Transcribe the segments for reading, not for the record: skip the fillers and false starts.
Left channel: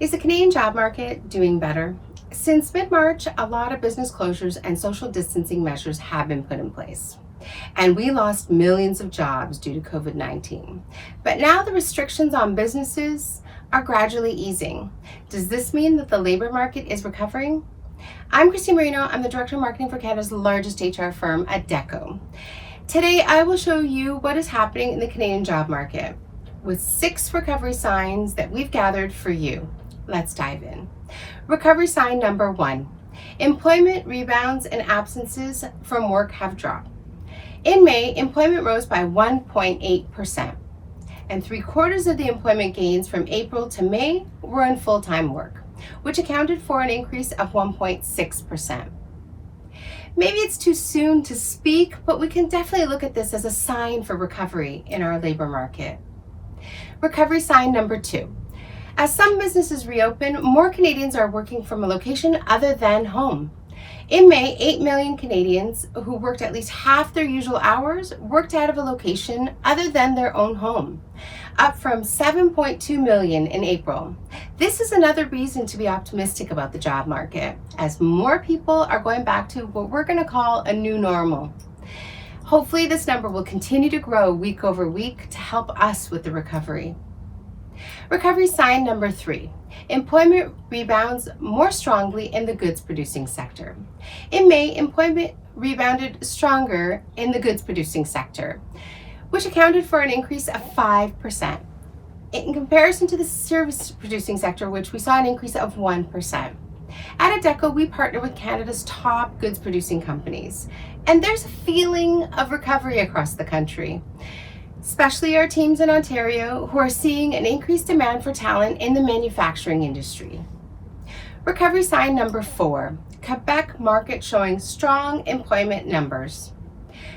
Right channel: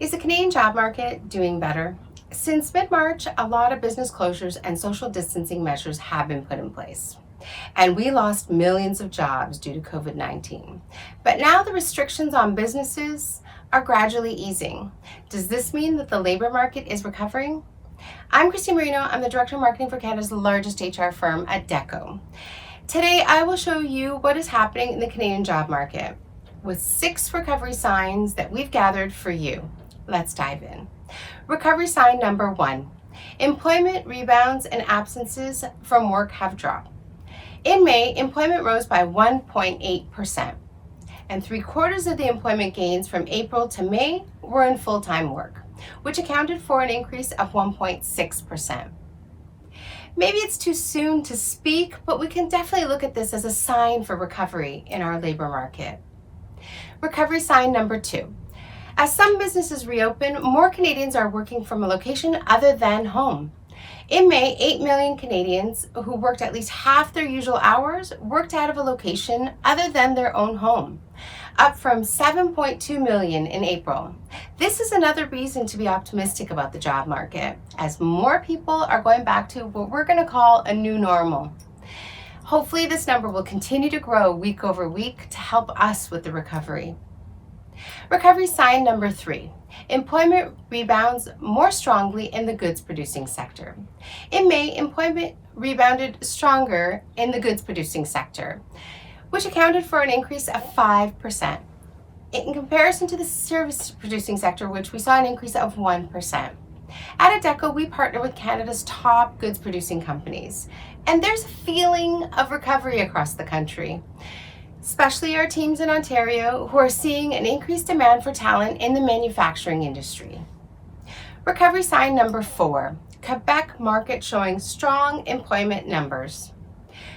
Is the Canadian job market doing better? Since mid-March, a lot of business closures and social distancing measures have been put in place. And we lost millions of jobs due to COVID-19. But now the restrictions on businesses are gradually easing. Does this mean that the labor market is recovering? I'm Christine Marinho. I'm the Director of Marketing for Canada's largest HR firm, Adecco. Today, I will show you what is happening in the Canadian job market with 6 recovery signs that we've gathered for you. Let's dive in. Recovery sign number 1. Employment rebounds and absences from work have dropped. In May, employment rose by 1.8%, and 3/4 of the employment gains from April to May were in full-time work, which accounted for an increase of 1.6%. Maybe it's too soon to speak, but we can definitely look at this as a sign for recovery in our labor market. Recovery sign number 2. As some businesses reopen, more Canadians are working from a location other than home. In May, 8 million Canadians who worked at least half their usual hours worked out of a location other than their own home, up from 7.2 million in April. This is another reason to be optimistic about the job market, as more people are going back to what we're going to call a new normal. Hopefully this number will continue to grow week over week to help us with the recovery. Recovery sign number 3. Employment rebounds more strongly in the goods producing sector. In May, employment rebounded stronger in the goods producing sector, which accounted for an increase of 5%. In comparison to the service producing sector, which we saw an increase of 1%. At Adecco, we partner with Canada's top goods producing companies, and there's a feeling of recovery across the country, especially our teams in Ontario who are seeing an increased demand for talent in the manufacturing industry. Recovery sign number 4, Quebec market showing strong employment numbers.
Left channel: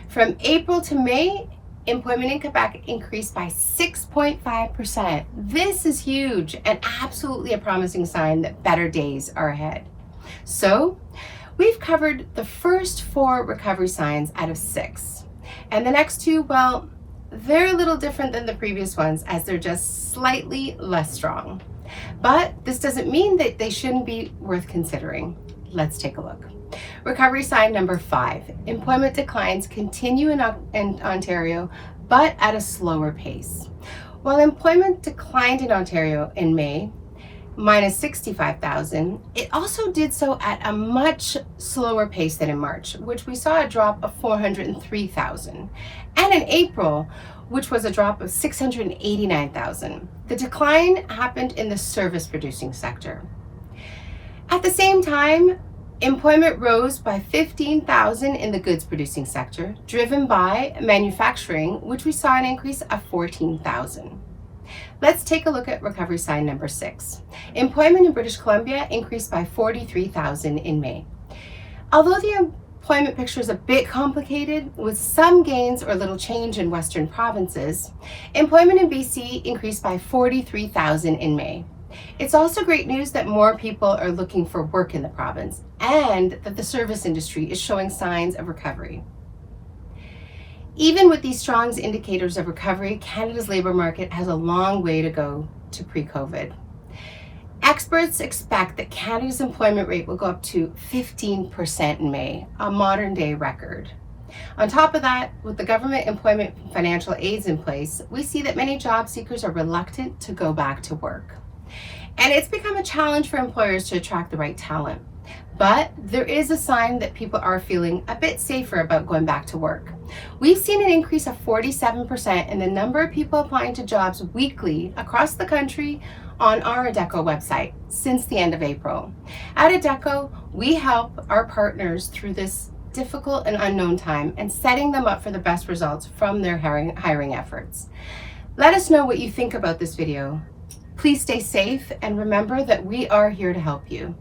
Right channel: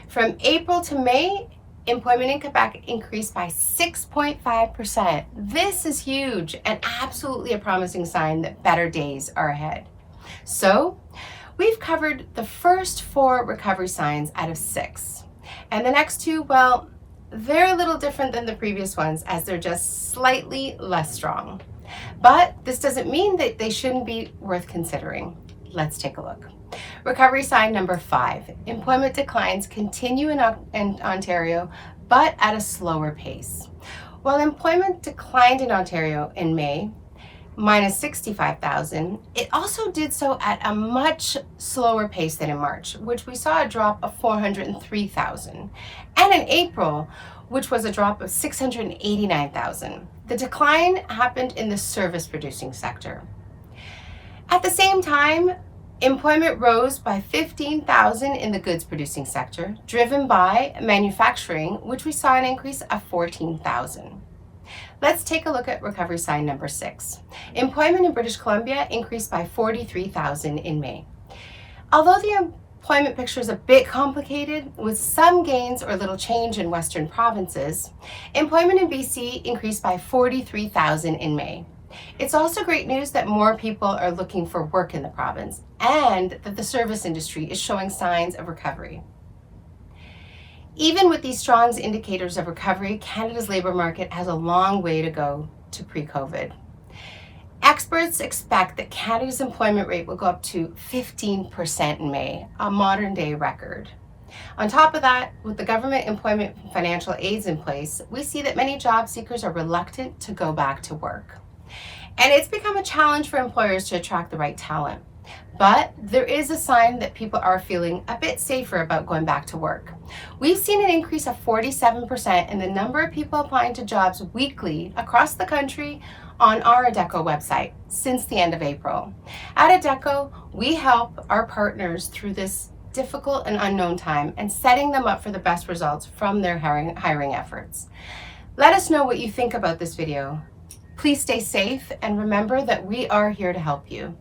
From April to May, employment in Quebec increased by 6.5%. This is huge and absolutely a promising sign that better days are ahead. So, we've covered the first 4 recovery signs out of 6. And the next 2, well, they're a little different than the previous ones as they're just slightly less strong. But this doesn't mean that they shouldn't be worth considering. Let's take a look. Recovery sign number 5. Employment declines continue in Ontario, but at a slower pace. While employment declined in Ontario in May, minus 65,000, it also did so at a much slower pace than in March, which we saw a drop of 403,000, and in April, which was a drop of 689,000. The decline happened in the service producing sector. At the same time, employment rose by 15,000 in the goods producing sector, driven by manufacturing, which we saw an increase of 14,000. Let's take a look at recovery sign number 6. Employment in British Columbia increased by 43,000 in May. Although the employment picture is a bit complicated, with some gains or little change in Western provinces, employment in BC increased by 43,000 in May. It's also great news that more people are looking for work in the province and that the service industry is showing signs of recovery. Even with these strong indicators of recovery, Canada's labor market has a long way to go to pre-COVID. Experts expect that Canada's employment rate will go up to 15% in May, a modern day record. On top of that, with the government employment financial aids in place, we see that many job seekers are reluctant to go back to work. And it's become a challenge for employers to attract the right talent. But there is a sign that people are feeling a bit safer about going back to work. We've seen an increase of 47% in the number of people applying to jobs weekly across the country on our Adecco website since the end of April. At Adecco, we help our partners through this difficult and unknown time and setting them up for the best results from their hiring efforts. Let us know what you think about this video. Please stay safe and remember that we are here to help you.